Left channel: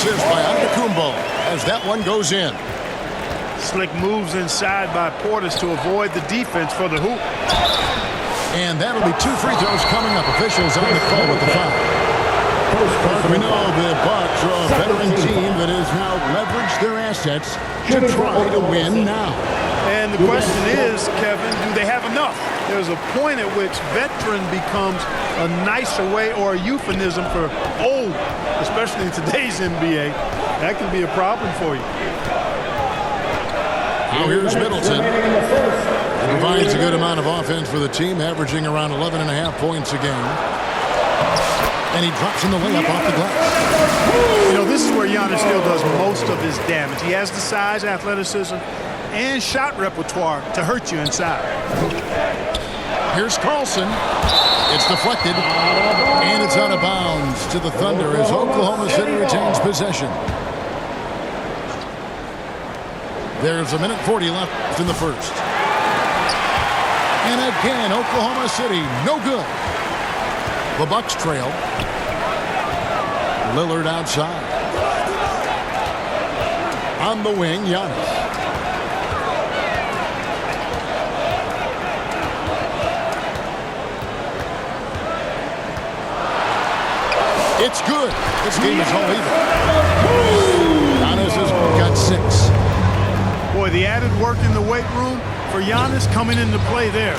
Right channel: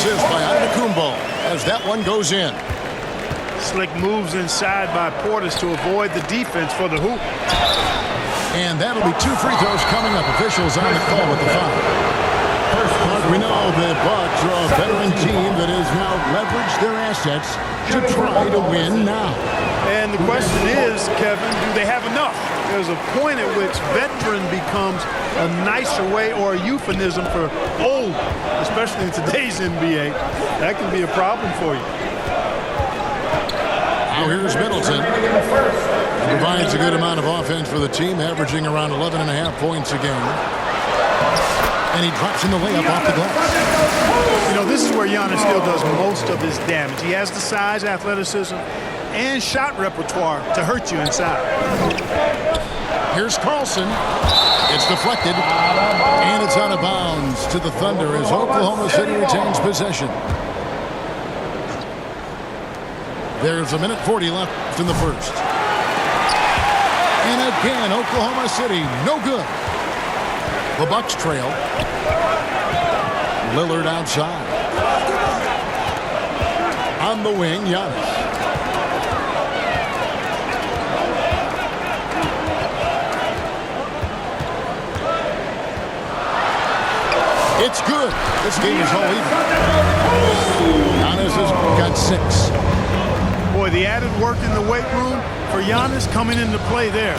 assist by Antetokounmpo as that one goes in. Slick moves inside by Portis to avoid the defense for the hoop. And that'll be 2 free throws coming up. Officials on the call with the foul. We know the Bucks are a veteran team that has now leveraged their assets to try to win now. And the question is, Kevin, do they have enough? There's a point at which veteran becomes a nicer way or a euphemism for old, especially in today's NBA. That can be a problem for you. Now here's Middleton. He provides a good amount of offense for the team, averaging around 11.5 points a game. And he drops in the layup off the glass. You know, this is where Giannis still does most of his damage. He has the size, athleticism, and shot repertoire to hurt you inside. Here's Carlson. It's deflected, and it's out of bounds to the Thunder as Oklahoma City retains possession. There's 1:40 left in the first. And again, Oklahoma City, no good. The Bucks trail. Lillard outside. On the wing, Giannis. It's good. This game is all even. Giannis has got 6. Boy, the added work in the weight room for Giannis coming into play there.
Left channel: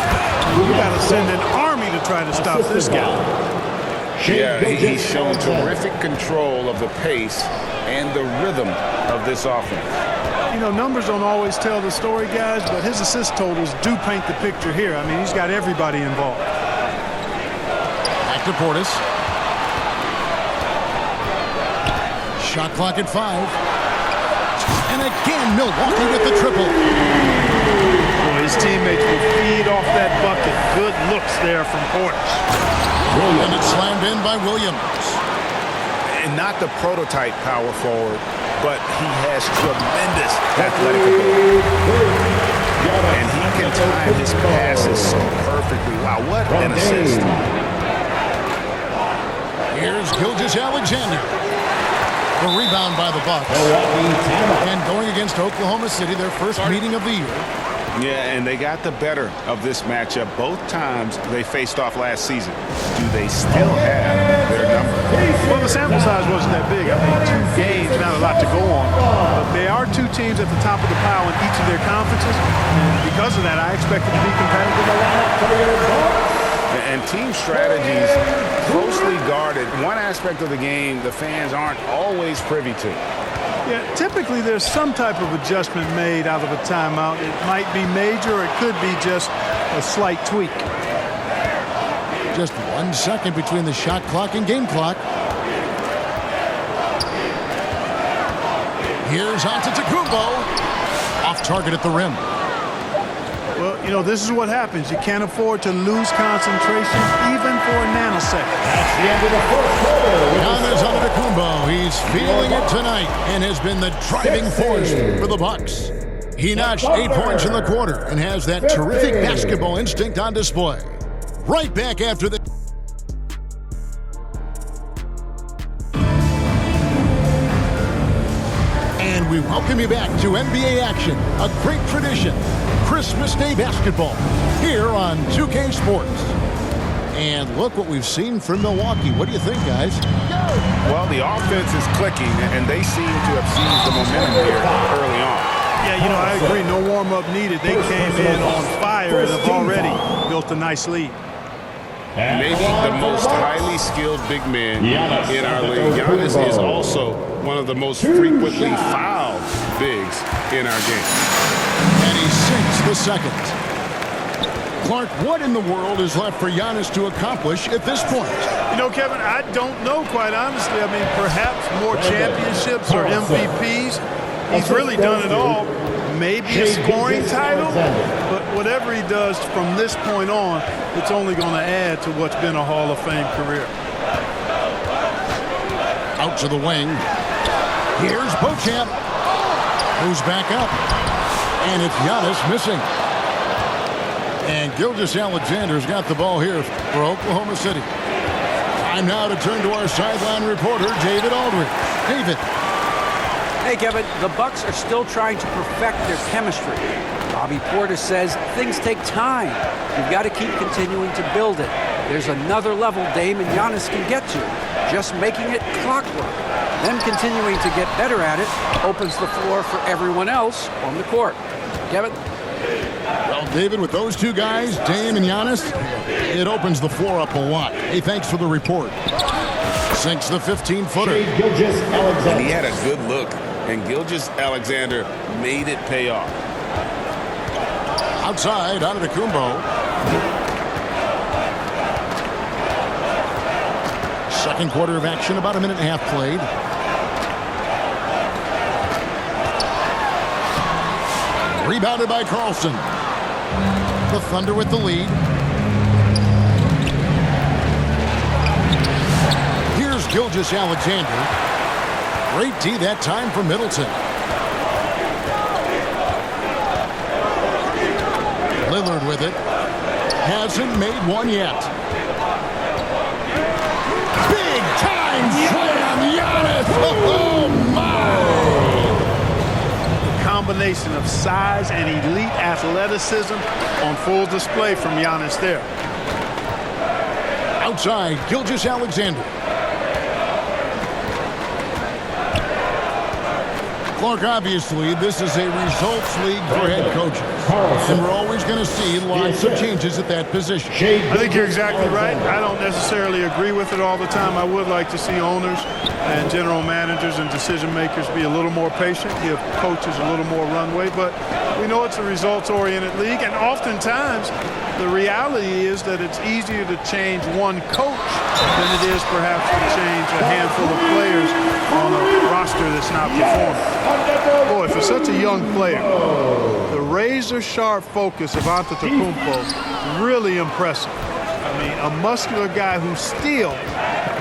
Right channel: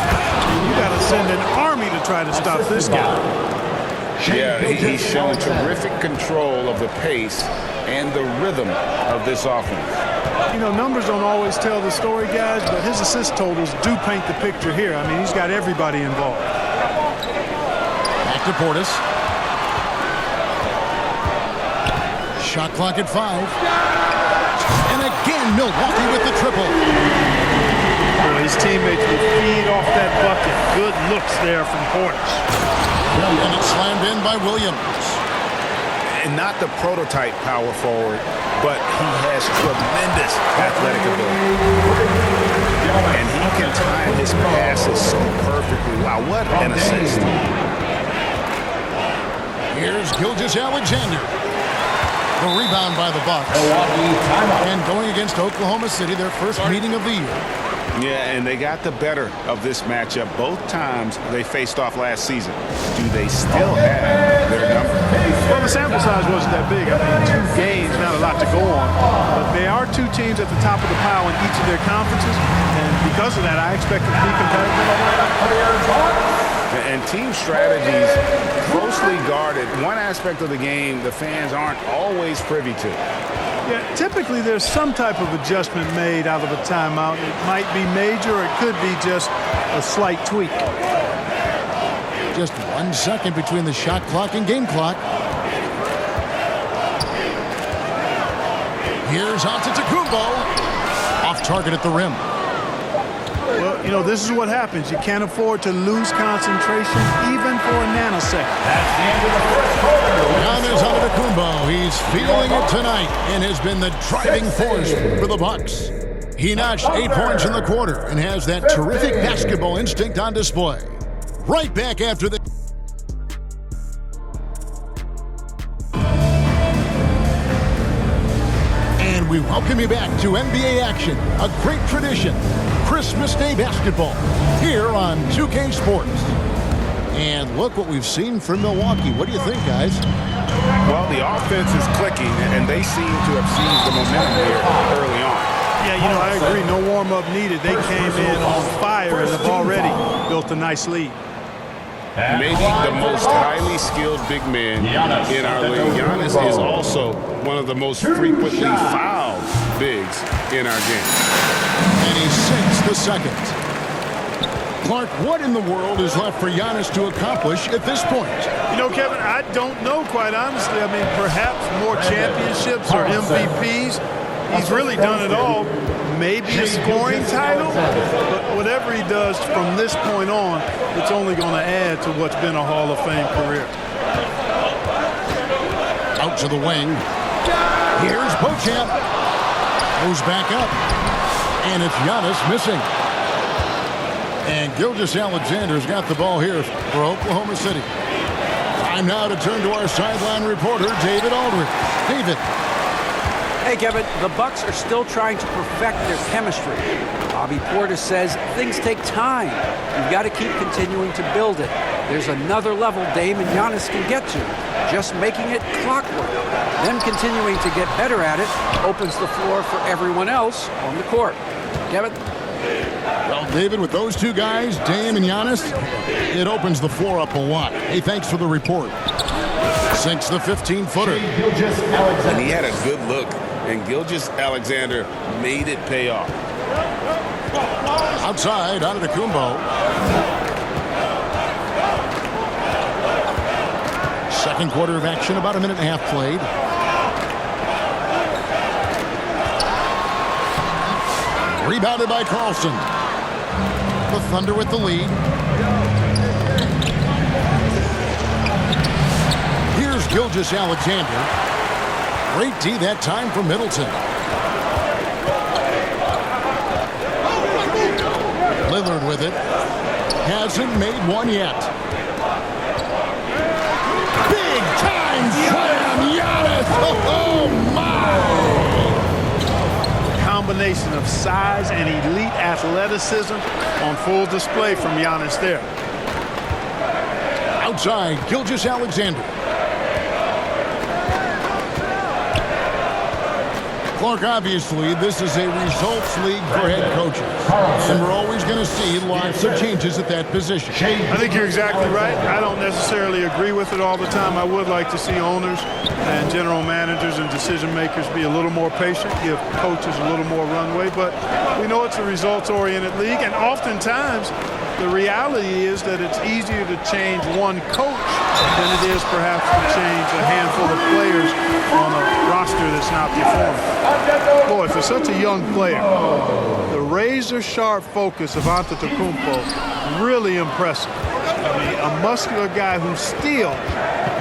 You got to send an army to try to stop this guy. Yeah, he's shown terrific control of the pace and the rhythm of this offense. You know, numbers don't always tell the story, guys, but his assist totals do paint the picture here. I mean, he's got everybody involved. Back to Portis. Shot clock at 5. And again, Milwaukee with the triple. Boy, his teammates will feed off that bucket. Good looks there from Portis. And it's slammed in by Williams. And not the prototype power forward, but he has tremendous athletic ability. And he can time his passes so perfectly. Wow, what an assist. Here's Gilgeous-Alexander. The rebound by the Bucks. And going against Oklahoma City, their first meeting of the year. Yeah, and they got the better of this matchup both times they faced off last season. Do they still have their number? Well, the sample size wasn't that big. I mean, 2 games, not a lot to go on. But they are 2 teams at the top of the pile in each of their conferences. And because of that, I expect it to be competitive. And team strategies closely guarded. One aspect of the game the fans aren't always privy to. Yeah, typically there's some type of adjustment made out of a timeout. It might be major or it could be just a slight tweak. Just 1 second between the shot clock and game clock. Here's Antetokounmpo. Off target at the rim. Well, you know, this is what happens. You can't afford to lose concentration even for a nanosecond. That's the end of the first quarter. Giannis Antetokounmpo, he's feeling it tonight and has been the driving force for the Bucks. He notched 8 points in the quarter and has that terrific basketball instinct on display. Right back after the... And we welcome you back to NBA action, a great tradition. Christmas Day basketball here on 2K Sports. And look what we've seen from Milwaukee. What do you think, guys? Well, the offense is clicking, and they seem to have seized the momentum here early on. Yeah, you know, I agree. No warm-up needed. They came in on fire and have already built a nice lead. Maybe the most highly skilled big man in our league. Giannis is also one of the most frequently fouled bigs in our game. And he sinks the second. Clark, what in the world is left for Giannis to accomplish at this point? You know, Kevin, I don't know, quite honestly. I mean, perhaps more championships or MVPs. He's really done it all. Maybe a scoring title, but whatever he does from this point on, it's only going to add to what's been a Hall of Fame career. Out to the wing. Here's Beauchamp. Goes back up. And it's Giannis missing. And Gilgeous-Alexander's got the ball here for Oklahoma City. Time now to turn to our sideline reporter, David Aldridge. David. Hey, Kevin, the Bucks are still trying to perfect their chemistry. Bobby Portis says things take time. You've got to keep continuing to build it. There's another level Dame and Giannis can get to. Just making it clockwork. Them continuing to get better at it opens the floor for everyone else on the court. Kevin? Well, David, with those two guys, Dame and Giannis, it opens the floor up a lot. Hey, thanks for the report. Sinks the 15-footer. And he had a good look, and Gilgeous-Alexander made it pay off. Outside, Antetokounmpo. Second quarter of action, about a minute and a half played. Rebounded by Carlson. The Thunder with the lead. Here's Gilgeous-Alexander. Great D that time from Middleton. Lillard with it. Hasn't made one yet. Big time slam, Giannis! Oh my! The combination of size and elite athleticism on full display from Giannis there. Outside, Gilgeous-Alexander. Clark, obviously, this is a results league for head coaches. And we're always going to see lots of changes at that position. I think you're exactly right. I don't necessarily agree with it all the time. I would like to see owners and general managers and decision makers be a little more patient, give coaches a little more runway. But we know it's a results-oriented league, and oftentimes the reality is that it's easier to change one coach than it is perhaps to change a handful of players on a roster that's not performing. Boy, for such a young player, the razor-sharp focus of Antetokounmpo, really impressive. I mean, a muscular guy who still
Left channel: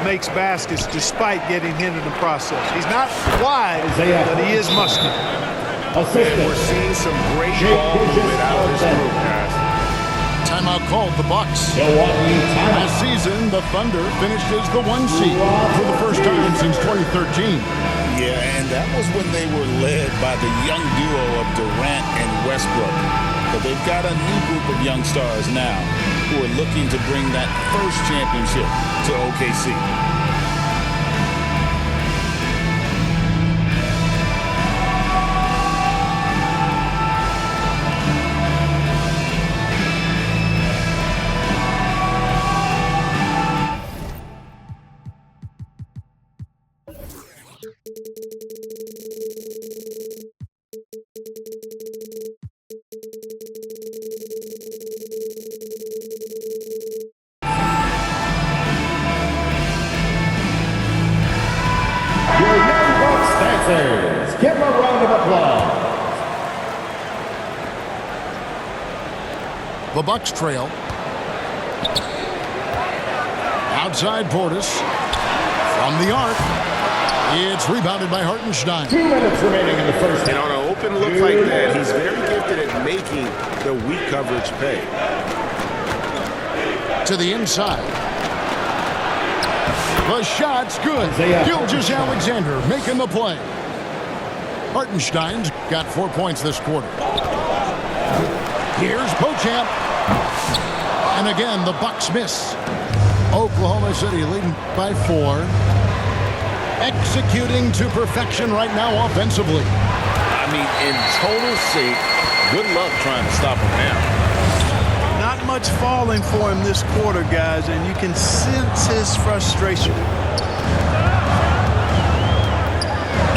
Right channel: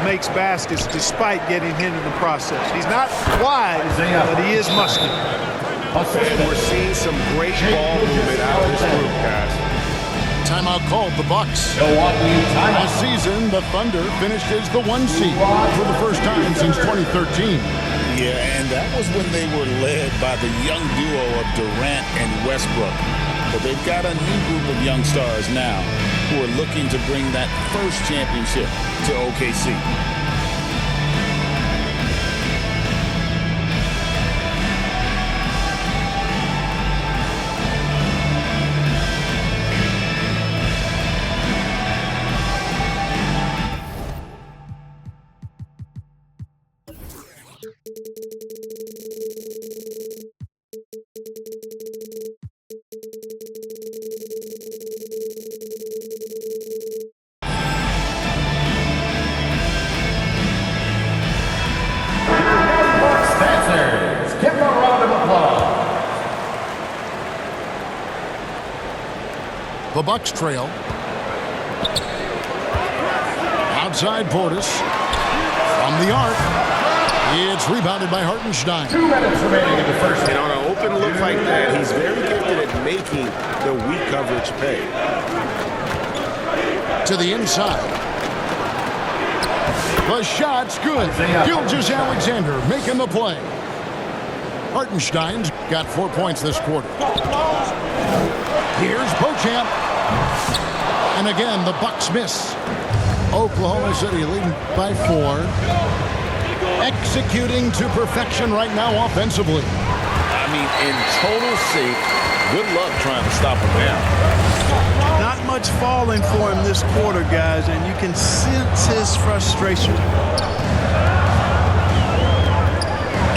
makes baskets despite getting hit in the process. He's not wide, but he is muscular. And we're seeing some great ball movement out of this group, guys. Timeout called the Bucks. Milwaukee timeout. Last season, the Thunder finished as the 1 seed for the first time since 2013. Yeah, and that was when they were led by the young duo of Durant and Westbrook. But they've got a new group of young stars now who are looking to bring that first championship to OKC. Give them a round of applause. The Bucks trail. Outside Portis. From the arc. It's rebounded by Hartenstein. 2 minutes remaining in the first. And on an open look like that, he's very gifted at making the weak coverage pay. To the inside. The shot's good. Gilgeous-Alexander making the play. Hartenstein's got 4 points this quarter. Here's Beauchamp. And again, the Bucks miss. Oklahoma City leading by 4. Executing to perfection right now offensively. I mean, in total sync. Good luck trying to stop him now. Not much falling for him this quarter, guys, and you can sense his frustration.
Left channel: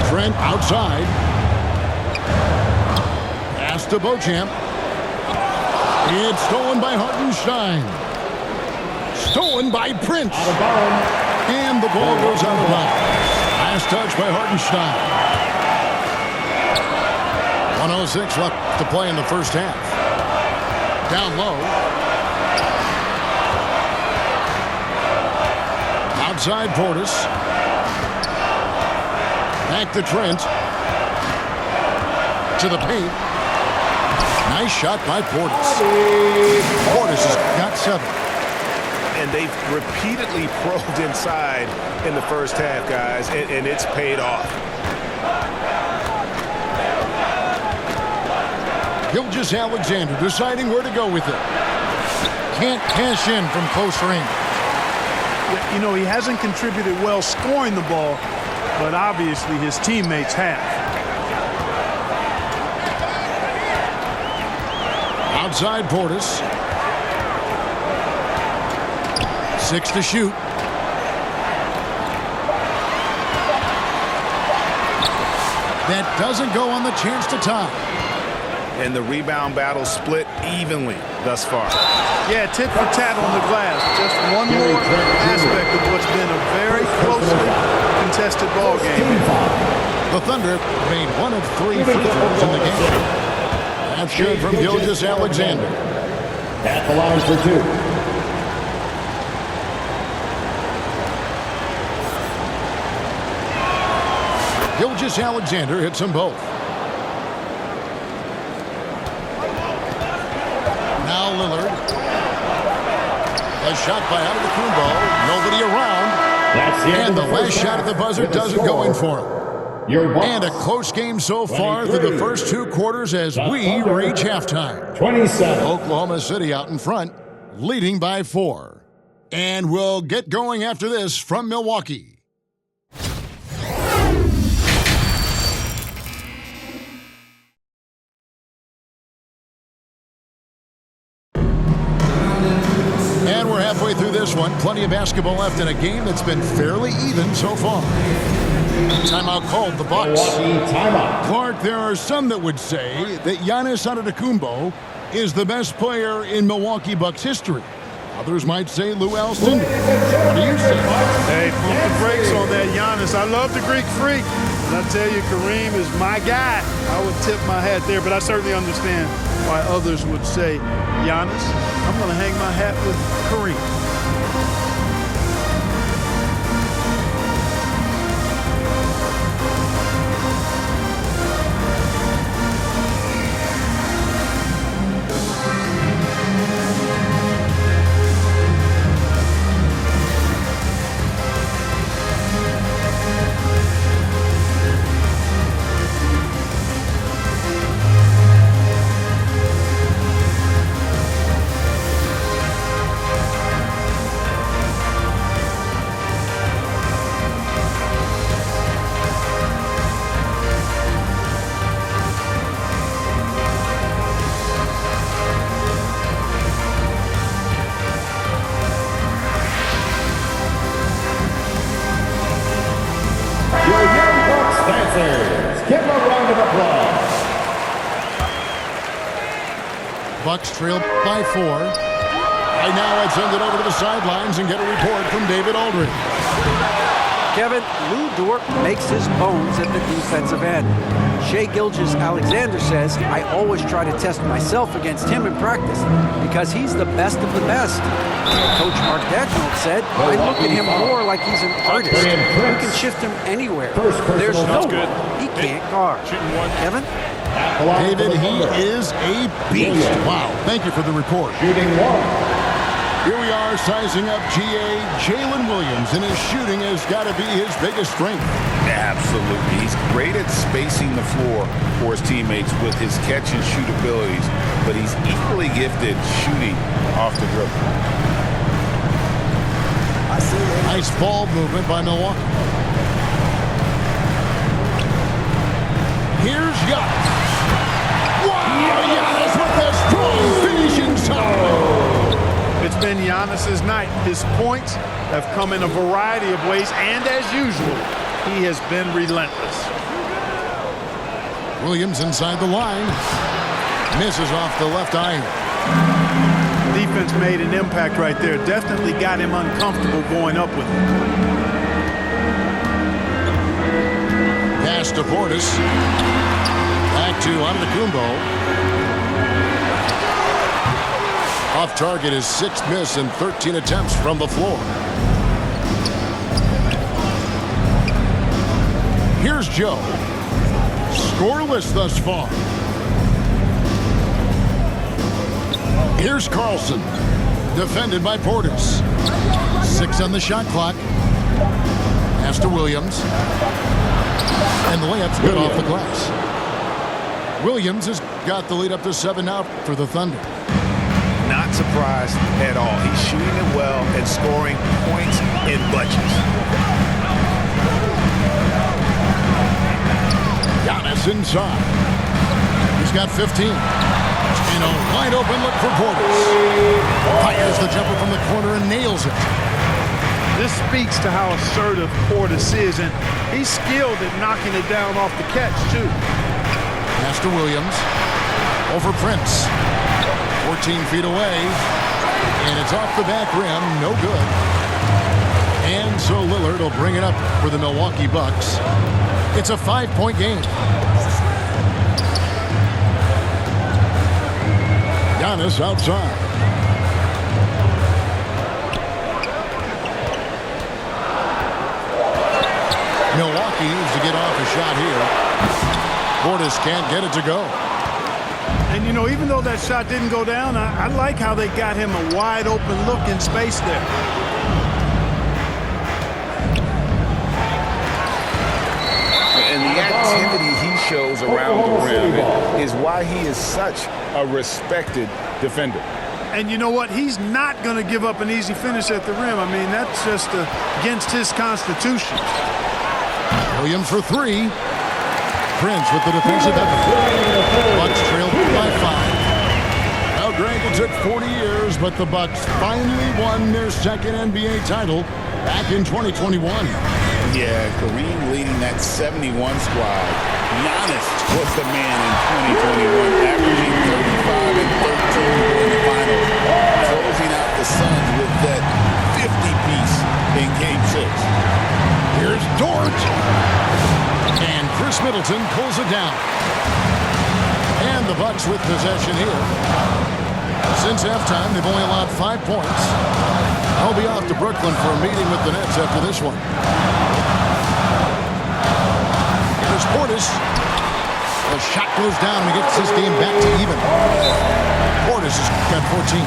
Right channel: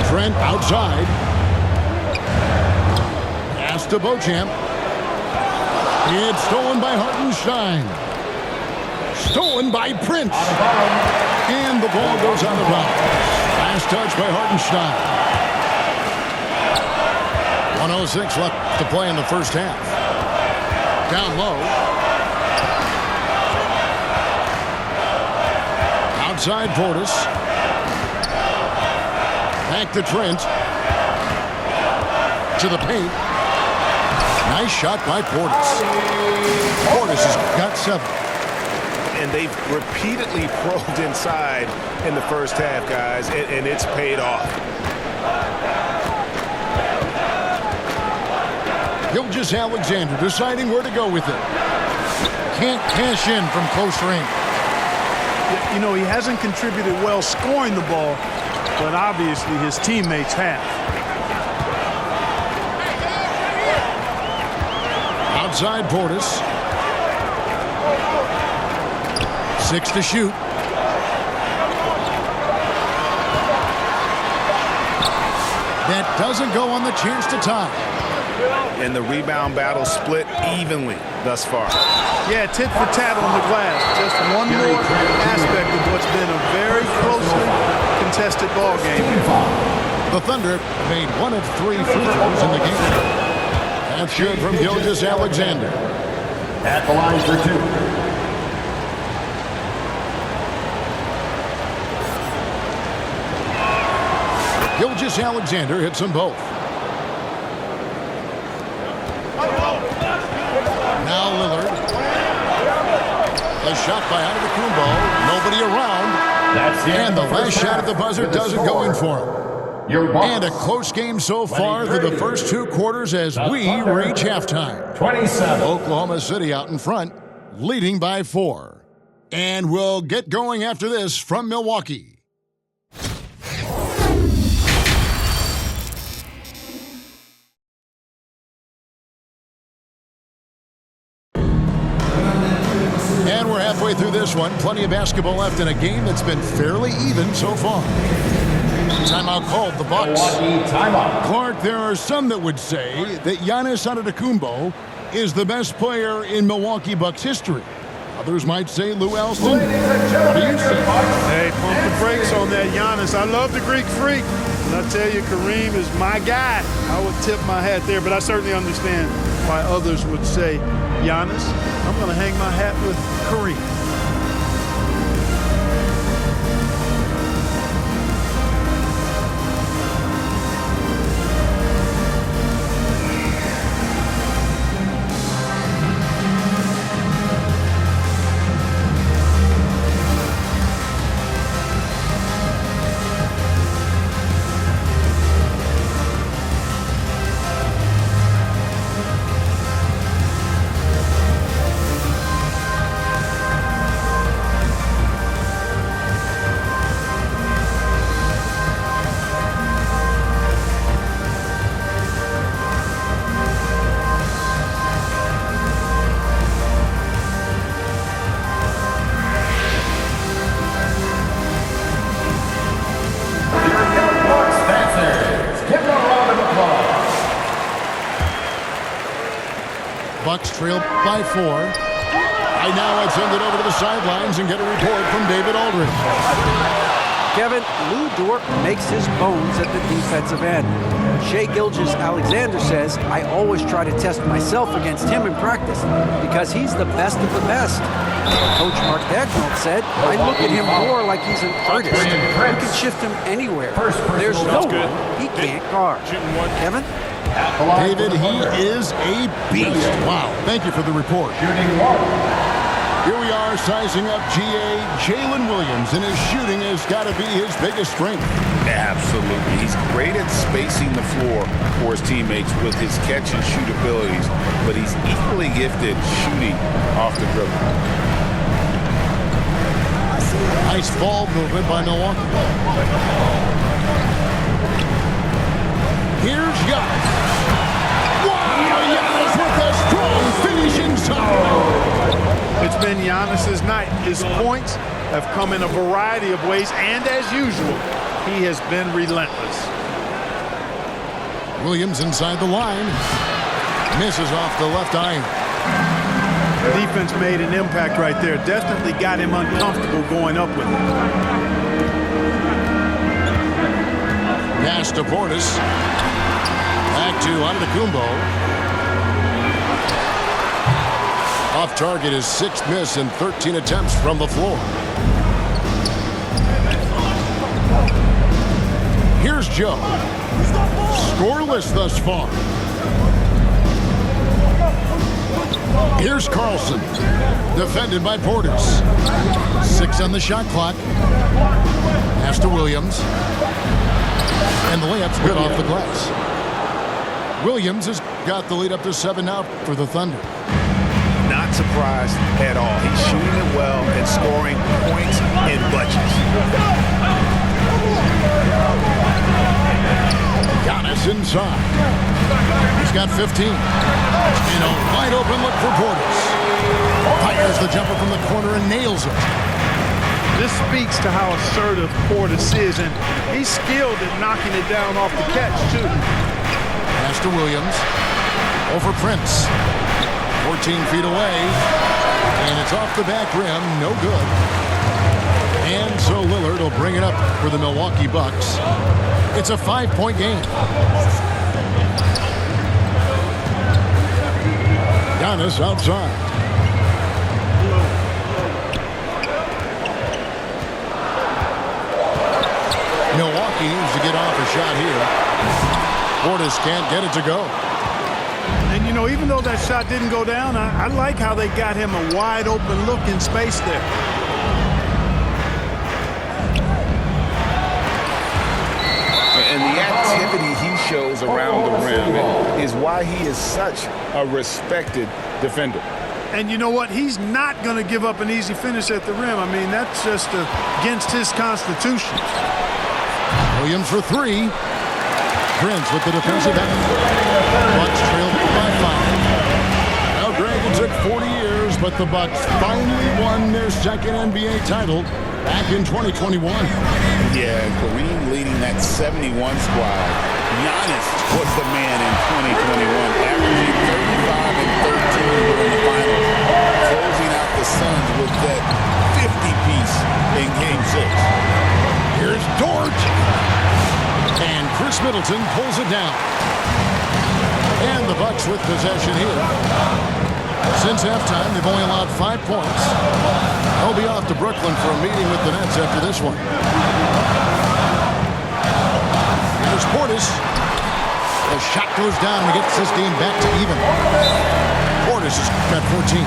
Trent outside. Pass to Beauchamp. It's stolen by Hartenstein. Stolen by Prince. And the ball goes out of bounds. Last touch by Hartenstein. 1:06 left to play in the first half. Down low. Outside Portis. Back to Trent. To the paint. Nice shot by Portis. Portis has got 7. And they've repeatedly probed inside in the first half, guys, and it's paid off. Gilgeous Alexander deciding where to go with it. Can't cash in from close range. You know, he hasn't contributed well scoring the ball, but obviously his teammates have. Outside Portis. 6 to shoot. That doesn't go on the chance to tie. And the rebound battle split evenly thus far. Yeah, tit for tat on the glass. Just one more aspect of what's been a very closely contested ball game. The Thunder made 1 of 3 free throws in the game. That's good from Gilgeous Alexander. At the line for 2. Gilgeous Alexander hits them both. Now Lillard. A shot by Antetokounmpo. Nobody around. That's the And the last first shot at the buzzer with a doesn't go in score. for him. Your Bucks, And a close game so far through the first 2 quarters as we reach halftime. 27. Oklahoma City out in front, leading by 4. And we'll get going after this from Milwaukee. And we're halfway through this one. Plenty of basketball left in a game that's been fairly even so far. Timeout called the Bucks. Milwaukee timeout. Clark, there are some that would say that Giannis Antetokounmpo is the best player in Milwaukee Bucks history. Others might say Lou Alston. What do you say? Hey, pump the brakes on that Giannis. I love the Greek Freak. And I tell you, Kareem is my guy. I would tip my hat there, but I certainly understand why others would say Giannis. I'm going to hang my hat with Kareem. Give them a round of applause. Bucks trail by 4. Right now, I'd send it over to the sidelines and get a report from David Aldridge. Kevin, Lou Dort makes his bones at the defensive end. Shai Gilgeous-Alexander says, I always try to test myself against him in practice because he's the best of the best. Coach Mark Dagnall said, I look at him more like he's an artist. You can shift him anywhere. There's no one he can't guard. Kevin? David, he is a beast. Wow. Thank you for the report. Shooting 1. Here we are sizing up GA Jalen Williams, and his shooting has got to be his biggest strength. Absolutely. He's great at spacing the floor for his teammates with his catch and shoot abilities, but he's equally gifted shooting off the dribble. Nice ball movement by Milwaukee. Here's Giannis. Wow, Giannis with a strong finish inside. It's been Giannis's night. His points have come in a variety of ways, and as usual, he has been relentless. Williams inside the line. Misses off the left iron. Defense made an impact right there. Definitely got him uncomfortable going up with it. Pass to Portis. Back to Antetokounmpo. Off target, his 6th miss in 13 attempts from the floor. Here's Joe. Scoreless thus far. Here's Carlson. Defended by Portis. 6 on the shot clock. Pass to Williams. And the layup's good off the glass. Williams has got the lead up to 7 now for the Thunder. Not surprised at all. He's shooting it well and scoring points in bunches. Giannis inside. He's got 15. And a wide open look for Portis. Fires the jumper from the corner and nails it. This speaks to how assertive Portis is, and he's skilled at knocking it down off the catch, too. Pass to Williams. Over Prince. 14 feet away. And it's off the back rim. No good. And so Lillard will bring it up for the Milwaukee Bucks. It's a 5-point game. Giannis outside. Milwaukee needs to get off a shot here. Portis can't get it to go. And, you know, even though that shot didn't go down, I like how they got him a wide open look in space there. And the activity he shows around the rim is why he is such a respected defender. And you know what? He's not going to give up an easy finish at the rim. I mean, that's just against his constitution. Williams for 3. Prince with the defensive effort. Bucks trailed by 5. Now, Greg, it took 40 years, but the Bucks finally won their second NBA title back in 2021. Yeah, Kareem leading that 71 squad. Giannis was the man in 2021, averaging 35 and 13 during the finals, closing out the Suns with that 50-piece in Game 6. Here's Dort. And Chris Middleton pulls it down. And the Bucks with possession here. Since halftime, they've only allowed 5 points. I'll be off to Brooklyn for a meeting with the Nets after this one. Here's Portis. The shot goes down and he gets this game back to even. Portis has got 14.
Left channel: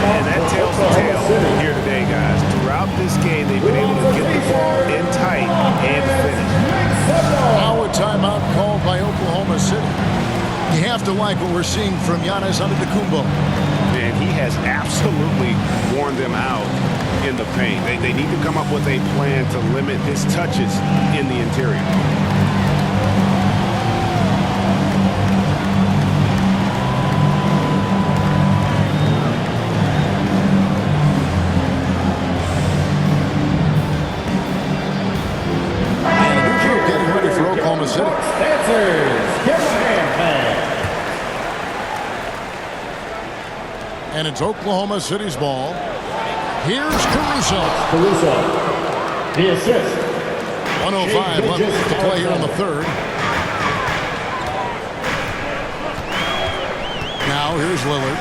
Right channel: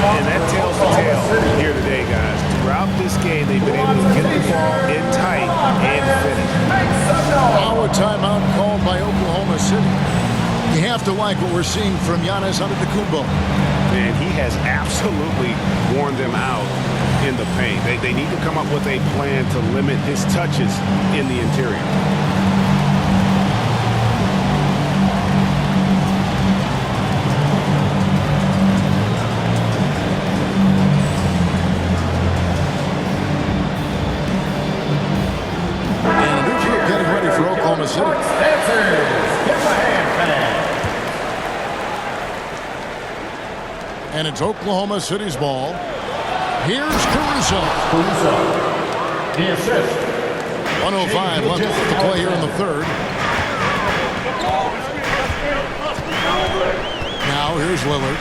And that tells the tale here today, guys. Throughout this game, they've been able to get the ball in tight and finish. Now a timeout called by Oklahoma City. You have to like what we're seeing from Giannis Antetokounmpo. And he has absolutely worn them out in the paint. They need to come up with a plan to limit his touches in the interior. Getting ready for Oklahoma City. Dancers, give him a hand, man. And it's Oklahoma City's ball. Here's Caruso. The assist. 1:05 left to play here in the third. Now here's Lillard.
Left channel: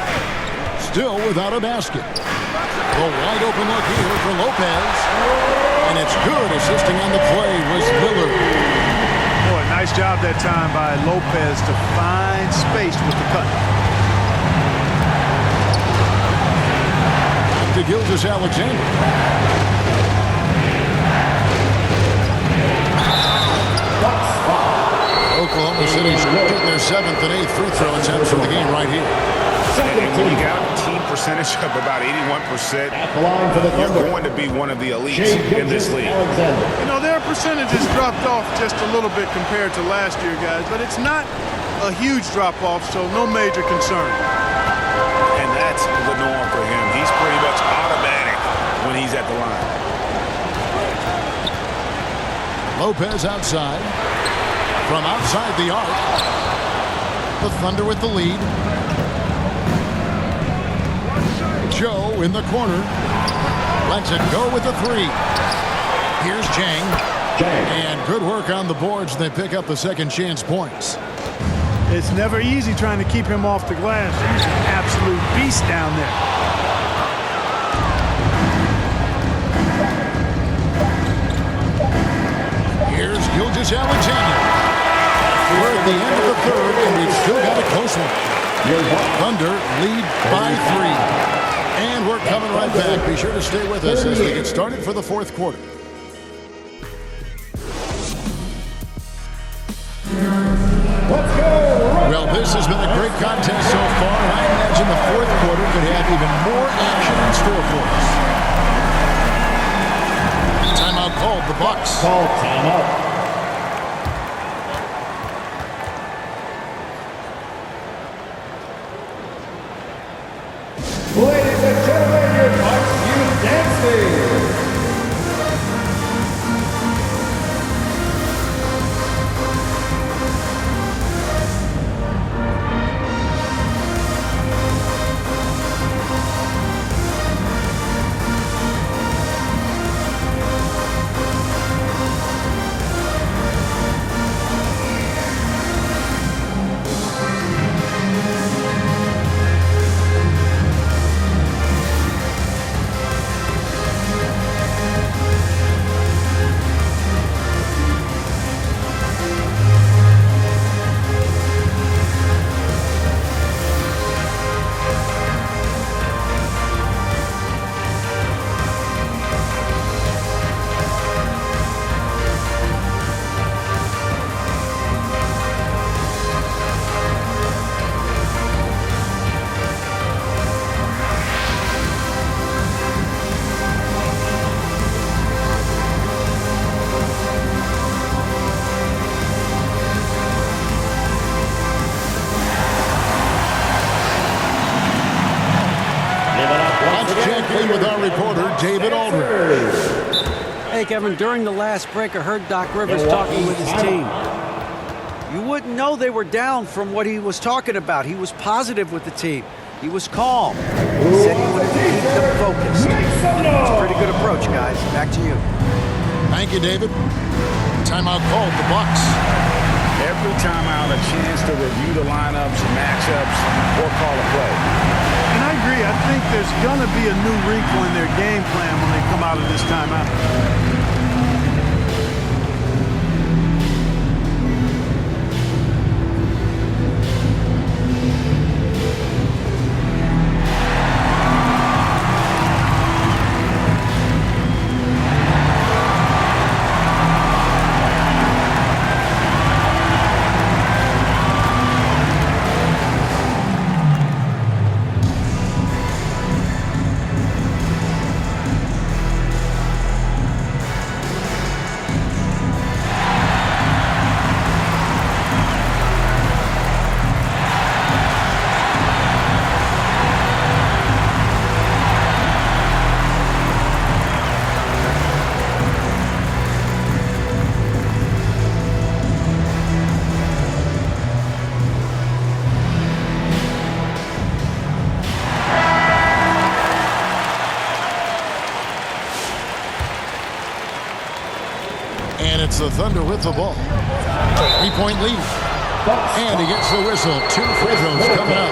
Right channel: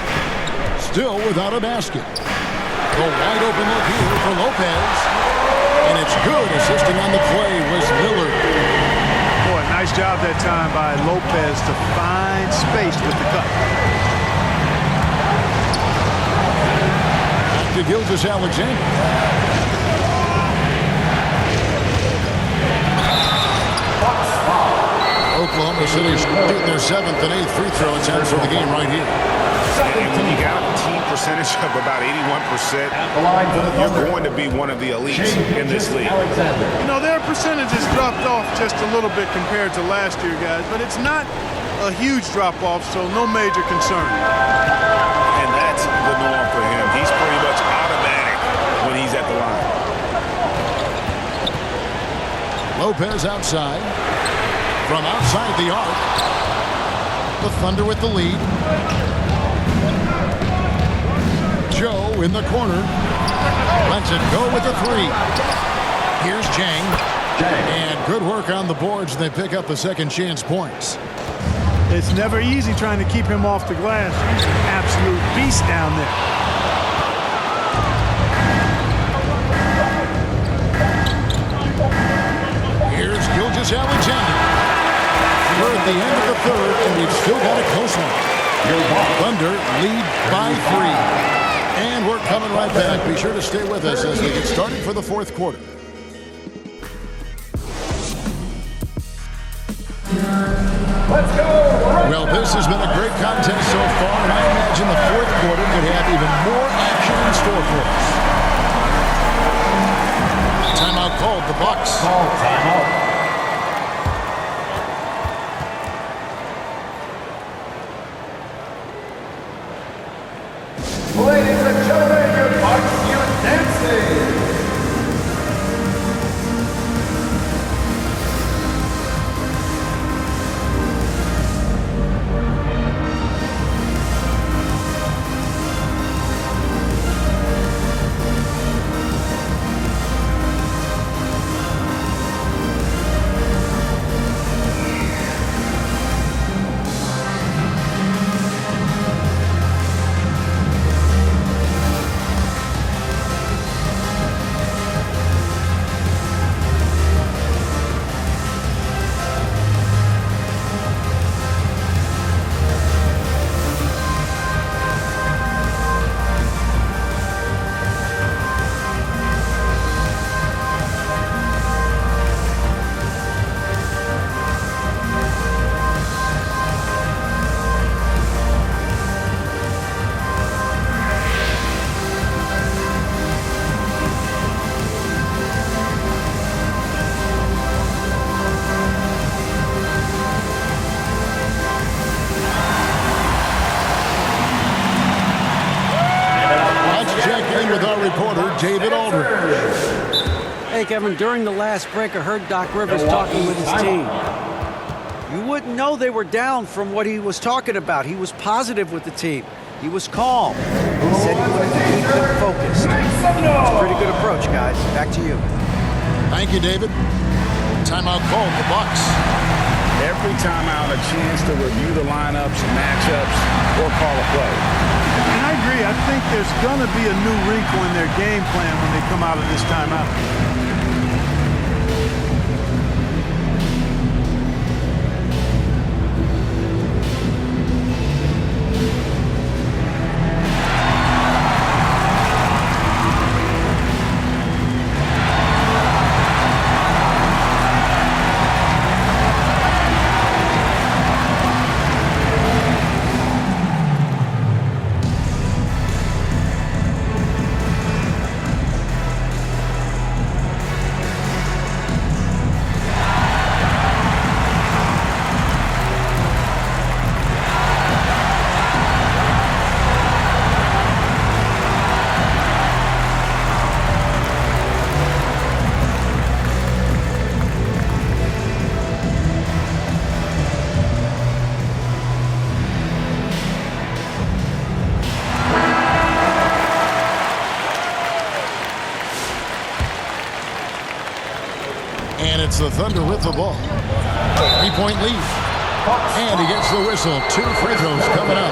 Still without a basket. The wide open look here for Lopez. And it's good. Assisting on the play was Lillard. Boy, nice job that time by Lopez to find space with the cut. Back to Gilgeous-Alexander. Oklahoma City shooting their 7th and 8th free throw attempts for the game right here. And when you got a team percentage of about 81%, you're going to be one of the elites in this league. You know, their percentages dropped off just a little bit compared to last year, guys, but it's not a huge drop-off, so no major concern. And that's the norm for him. He's pretty much automatic when he's at the line. Lopez outside. From outside the arc. The Thunder with the lead. Joe in the corner. Lets it go with the 3. Here's Chang. And good work on the boards. They pick up the second chance points. It's never easy trying to keep him off the glass. He's an absolute beast down there. Here's Gilgeous-Alexander. We're at the end of the third, and we've still got a close one. Thunder lead by 3. And we're coming right back. Be sure to stay with us as we get started for the fourth quarter. Let's go! Well, this has been a great contest so far, and I imagine the fourth quarter could have even more action in store for us. Timeout called, the Bucks. Call timeout. Ladies and gentlemen, your Bucks Youth Dancing. Let's check in with our reporter, David Aldridge. Hey, Kevin, during the last break, I heard Doc Rivers talking with his team. You wouldn't know they were down from what he was talking about. He was positive with the team. He was calm. He said he wanted to keep them focused. It's a pretty good approach, guys. Back to you. Thank you, David. Timeout called, the Bucks. Every timeout, a chance to review the lineups, matchups, or call a play. And I agree. I think there's going to be a new wrinkle in their game plan when they come out of this timeout. And it's the Thunder with the ball. 3-point lead. And he gets the whistle. 2 free throws coming up.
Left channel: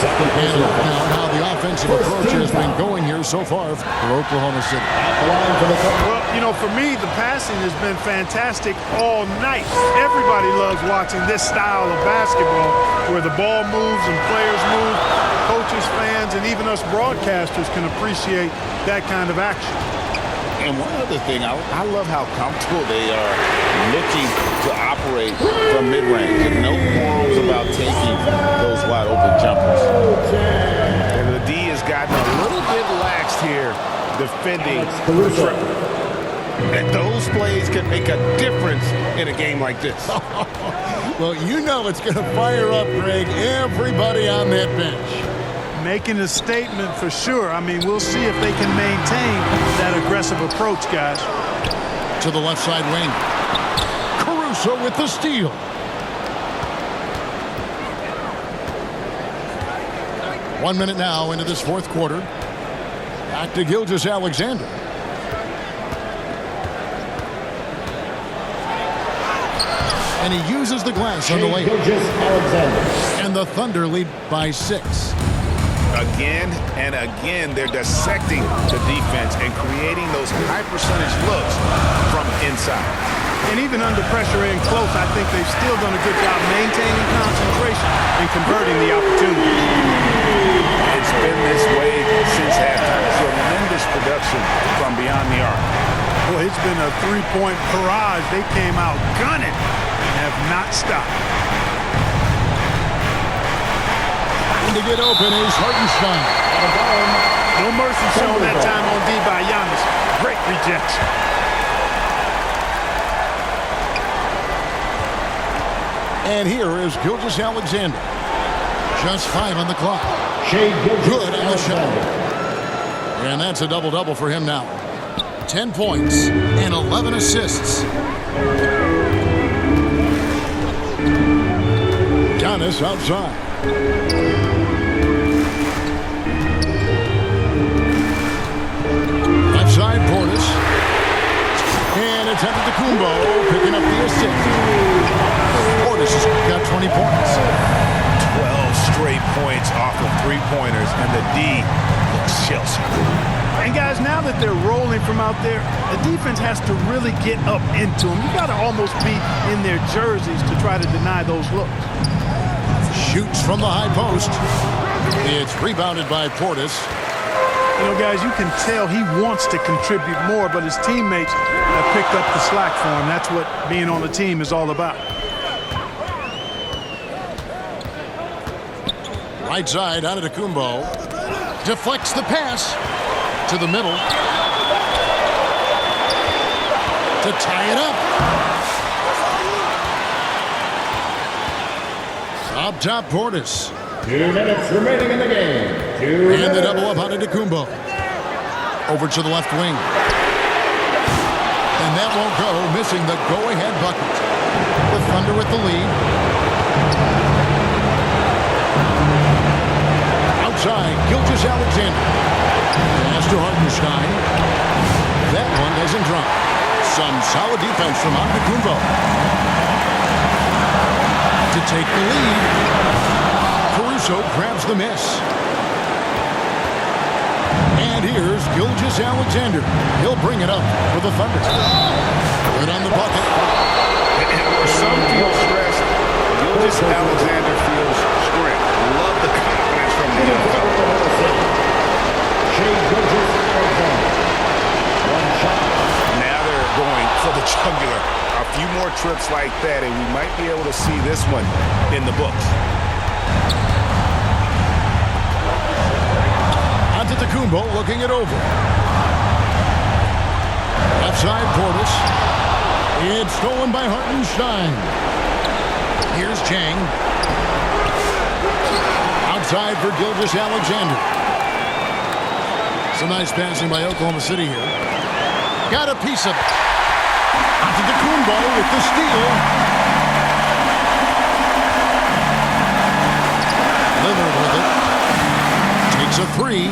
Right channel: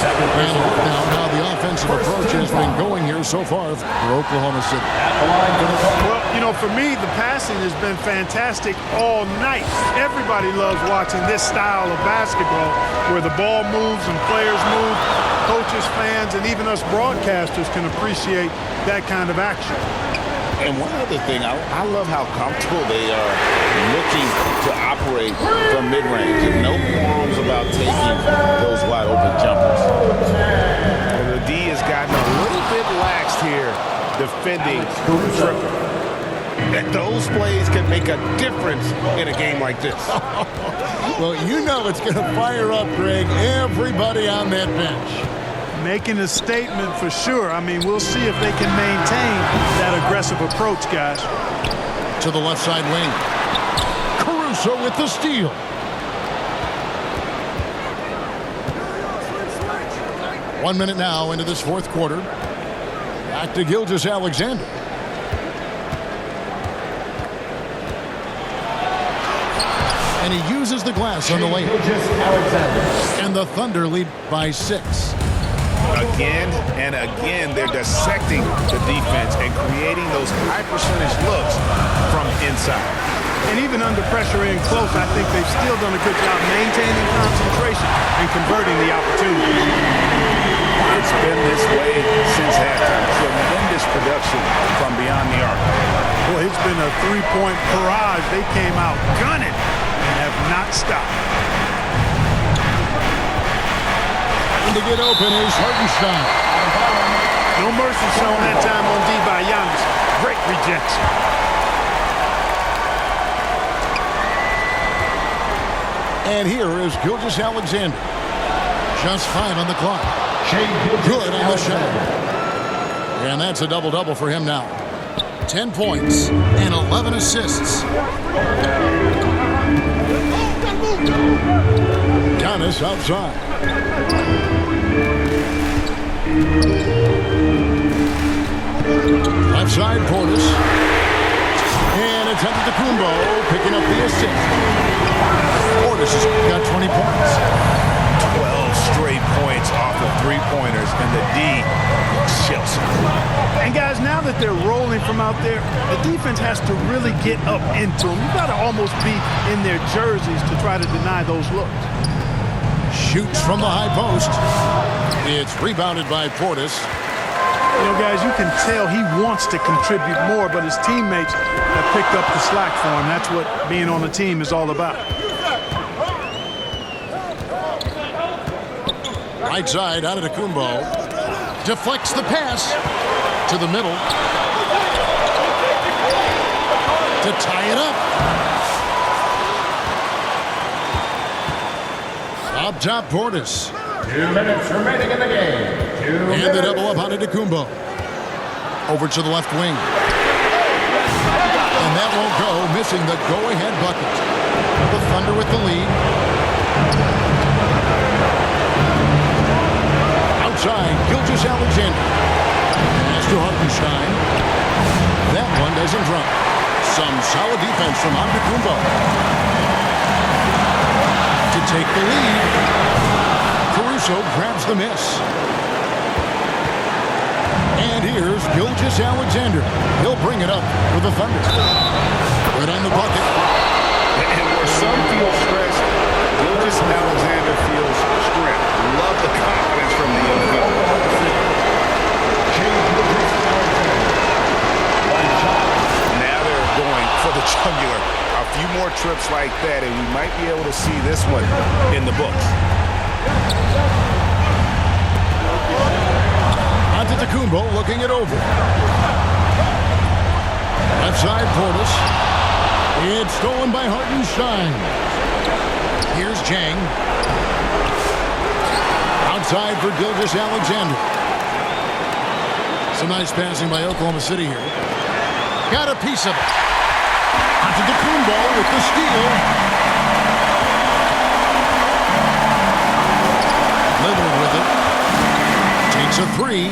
And look now how the offensive approach has been going here so far for Oklahoma City. Well, you know, for me, the passing has been fantastic all night. Everybody loves watching this style of basketball where the ball moves and players move. Coaches, fans, and even us broadcasters can appreciate that kind of action. And one other thing, I love how comfortable they are looking to operate from mid-range. And no qualms about taking those wide-open jumpers. And the D has gotten a little bit laxed here defending the triple. And those plays can make a difference in a game like this. Well, you know it's going to fire up, Greg, everybody on that bench. Making a statement for sure. I mean, we'll see if they can maintain that aggressive approach, guys. To the left side wing. Caruso with the steal. One minute now into this fourth quarter. Back to Gilgeous-Alexander. And he uses the glass on the layup. And the Thunder lead by 6. Again and again, they're dissecting the defense and creating those high-percentage looks from inside. And even under pressure in close, I think they've still done a good job maintaining concentration and converting the opportunities. It's been this way since halftime. Tremendous production from beyond the arc. Boy, it's been a three-point barrage. They came out gunning and have not stopped. to get open is Hartenstein. No mercy shown that time on D by Giannis. Great rejection. And here is Gilgeous-Alexander. Just 5 on the clock. Good on the shot. And that's a double-double for him now. 10 points and 11 assists. Giannis outside. Left side, Portis. And it's Antetokounmpo picking up the assist. Portis has got 20 points. 12 straight points off of three-pointers, and the D looks shell-shocked. And guys, now that they're rolling from out there, the defense has to really get up into them. You got to almost be in their jerseys to try to deny those looks. Shoots from the high post. It's rebounded by Portis. You know, guys, you can tell he wants to contribute more, but his teammates have picked up the slack for him. That's what being on the team is all about. Right side, Antetokounmpo deflects the pass to the middle to tie it up. Up top, Portis. 2 minutes remaining in the game. And the double up on Antetokounmpo. Over to the left wing. And that won't go, missing the go-ahead bucket. The Thunder with the lead. Outside, Gilgeous-Alexander. Pass to Hartenstein. That one doesn't drop. Some solid defense from Antetokounmpo. To take the lead. Caruso grabs the miss. And here's Gilgeous-Alexander. He'll bring it up for the Thunder. Right on the bucket. And where some feel stressed, Gilgeous-Alexander feels strength. Love the confidence from the young fella. Now they're going for the jugular. A few more trips like that, and we might be able to see this one in the books. Antetokounmpo looking it over. Left side, Portis. It's stolen by Hartenstein. Here's Jang. Outside for Gilgeous-Alexander. Some nice passing by Oklahoma City here. Got a piece of it. Antetokounmpo with the steal. Lillard with it. Takes a three.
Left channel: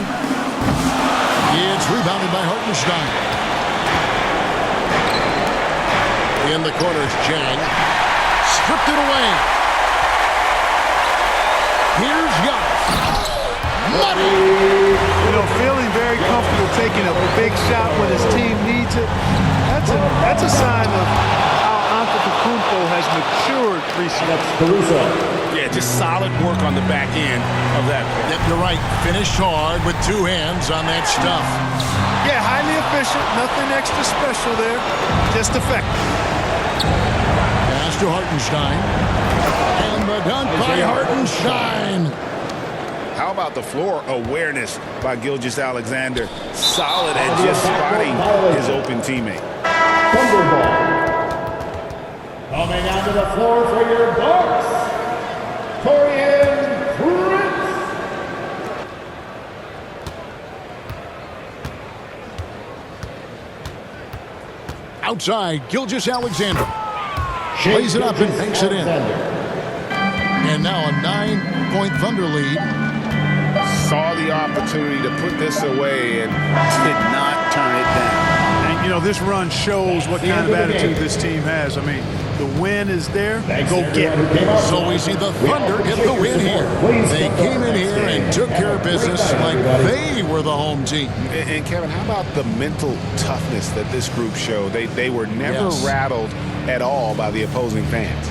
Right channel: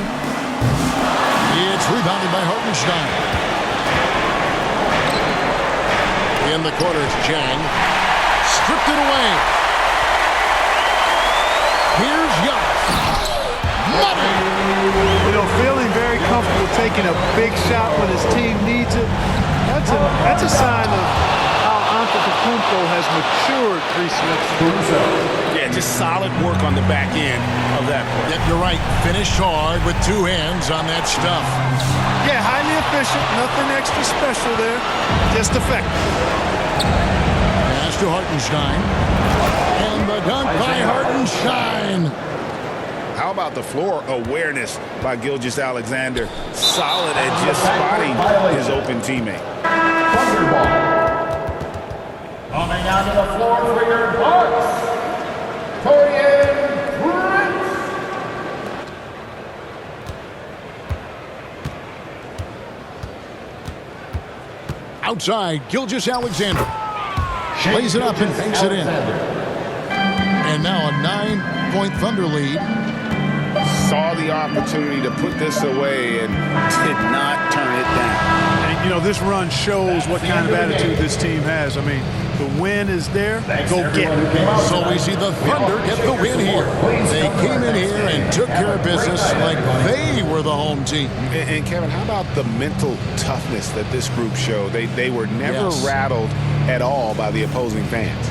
It's rebounded by Hartenstein. In the corner is Jang. Stripped it away. Here's Giannis. Money! You know, feeling very comfortable taking a big shot when his team needs it. That's a sign of how Antetokounmpo has matured recently. Yeah, just solid work on the back end of that play. Yep, you're right. Finished hard with two hands on that stuff. Yeah, highly efficient. Nothing extra special there. Just effective. Pass to Hartenstein. And the dunk by Hartenstein. How about the floor awareness by Gilgeous-Alexander? Solid at just spotting his open teammate. Thunderball. Coming onto the floor for your Bucks, Taurean Prince. Outside, Gilgeous-Alexander. Plays it up and banks it in. And now a 9-point Thunder lead. Saw the opportunity to put this away and did not turn it down. And, you know, this run shows what kind of attitude this team has. I mean, the win is there. Go get it. So we see the Thunder get the win here. They came in here and took care of business like they were the home team. And Kevin, how about the mental toughness that this group showed? They were never rattled at all by the opposing fans.